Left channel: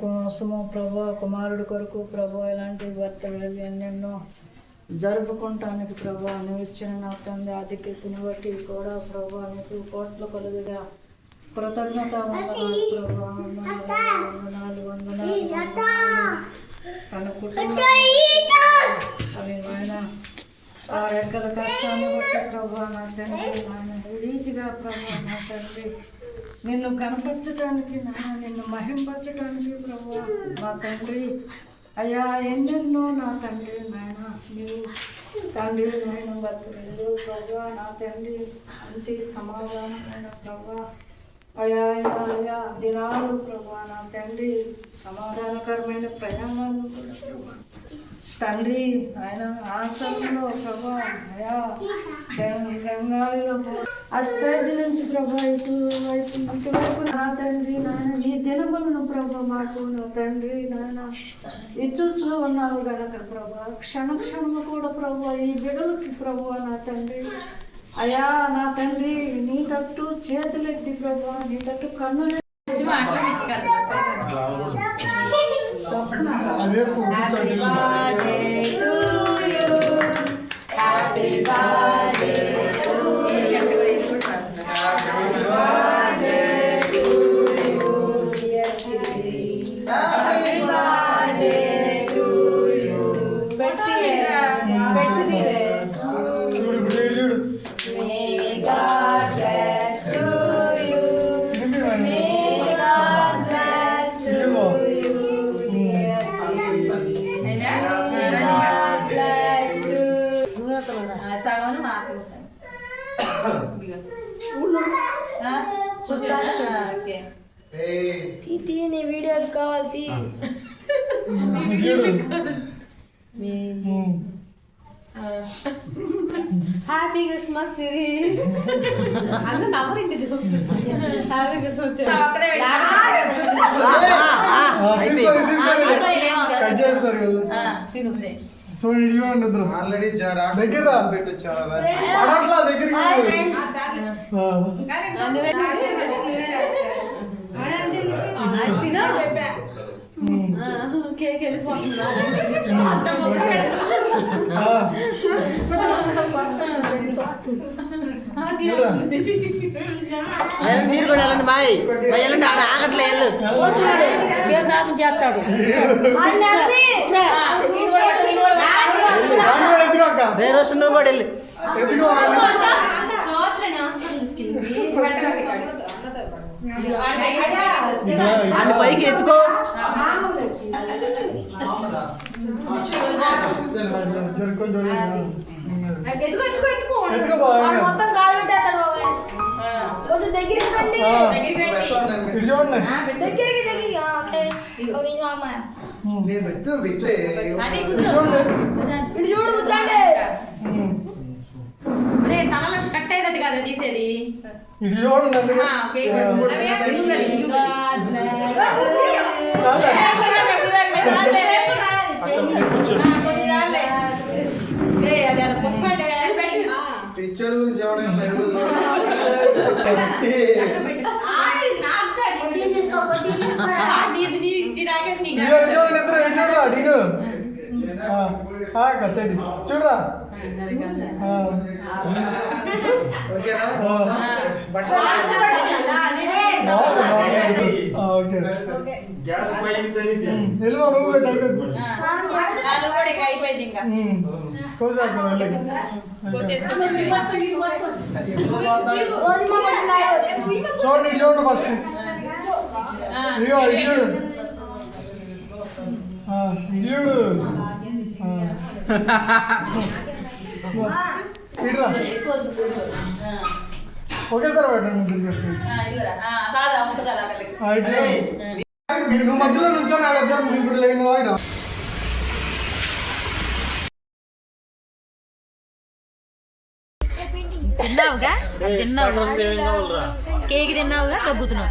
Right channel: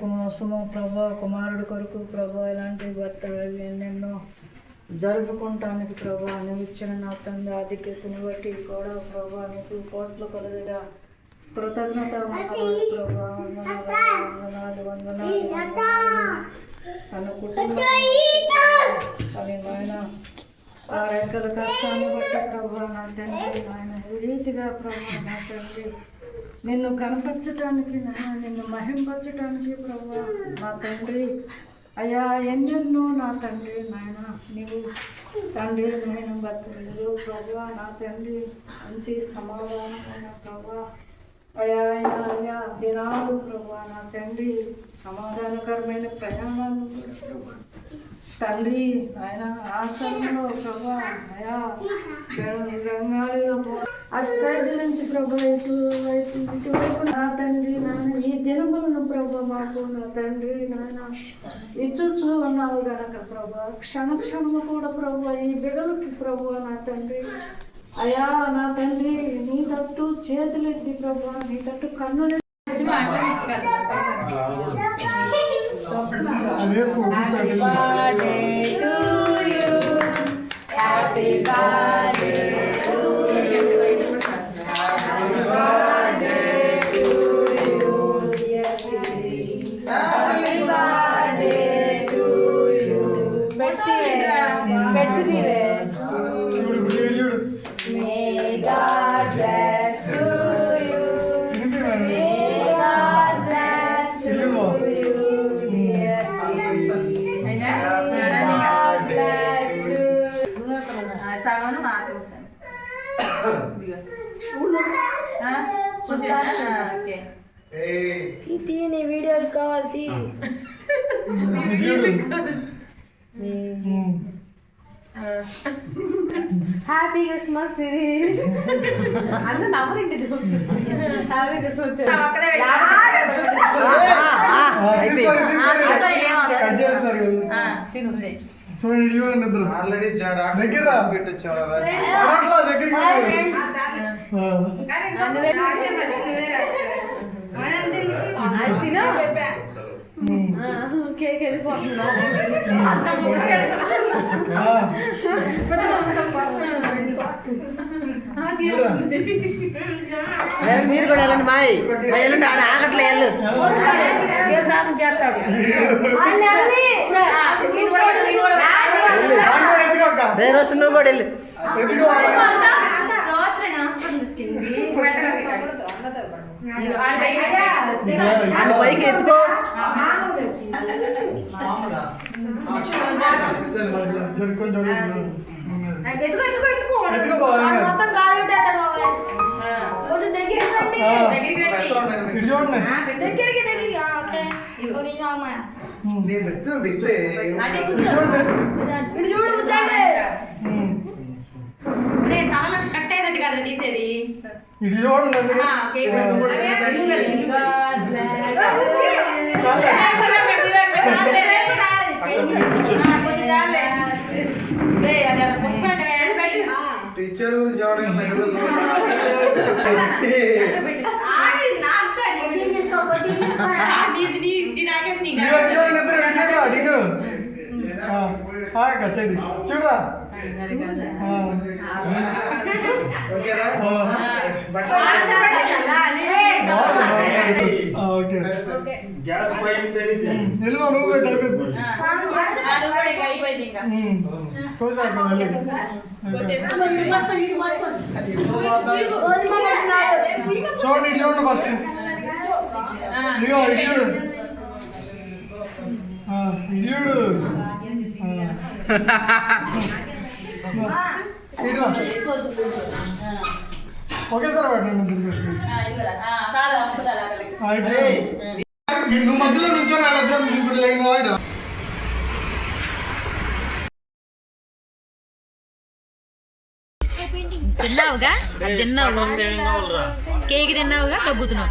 కోసము ప్రభా కుమారుడు కొరకు ప్రభా ఇలాంటి బర్త్డేలు ఎన్నెన్నో జరుపుకుంటానికి ప్రభా నువ్వు ఇచ్చిన నా తండ్రి ఆధిక్యతను బట్టి కూడా ప్రభా నీకు కోట్ల కొలదిగా కృతజ్ఞత ప్రభా వందనాలు తన కుటుంబం ఆ రెక్కల కష్టాన్ని బట్టి ప్రభా నా తండ్రి నన్ను రీతిగా ప్రభా నా తండ్రి నిన్ను కనపరచడానికి నిన్ను మహింపరచడానికి ప్రభా నా తండ్రి అయ్యా ఎన్నెన్నో నా తండ్రి నాయన నీవు తండ్రి నేను బతులు ప్రభా నా తండ్రి మంచి సమాధానమైన ప్రభా అయ్యా అయ్యా దినాలు ప్రభా నా తండ్రి సమాధానకరమైన ప్రయాణాలు ప్రభా తండ్రి ఆయన ఆ స్థలంలో ప్రభా అయా గంగాళిలో అటు సైడ్ నుంచి ప్రభా ఇటువైపు నా తండ్రి నాయన ఈ దినములను ప్రభా మాకు నా తండ్రి నాయన ఇచ్చుచూ ఉన్నావు గనక ప్రభా క్షణము కూడా ప్రభా ఈ బిడలకి ప్రభా నా తండ్రి అయా నా తండ్రి నీ తట్టు చేతులెత్తి ప్రభా నీ తట్టు కన్నులు నీ వీడియోలు కావాలి happy Christmas happy Christmas already దగ్గర పెట్టించారు కేక్ వెళ్ళిపోతుందా మీరు కూడా వెళ్ళండి మాయ్ వెళ్ళండి ఆడ ఆగట్లే వెళ్ళు చేస్తాడు రే రోజు నువ్వు కూడా వెళ్ళు అన్ని పైకి ఎత్తుకో కట్టేదట్టు కదా తీసేది ఇది చూడండి టీచర్ గురించి చూడండి చూడరా నిల్వ నువ్వు చూడండి చూడండి ఫస్ట్ ఇదిగో ఇడ్లీడు ఇడ్లీడు ఒకేసారి పెట్టండి నువ్వు మధ్యలో నుంచొని ఆడతారు ముగ్గురు లైన్ తిన్నావుగా తిన్నావు కేక్ తిన్నావుగా డబ్బుతున్నావు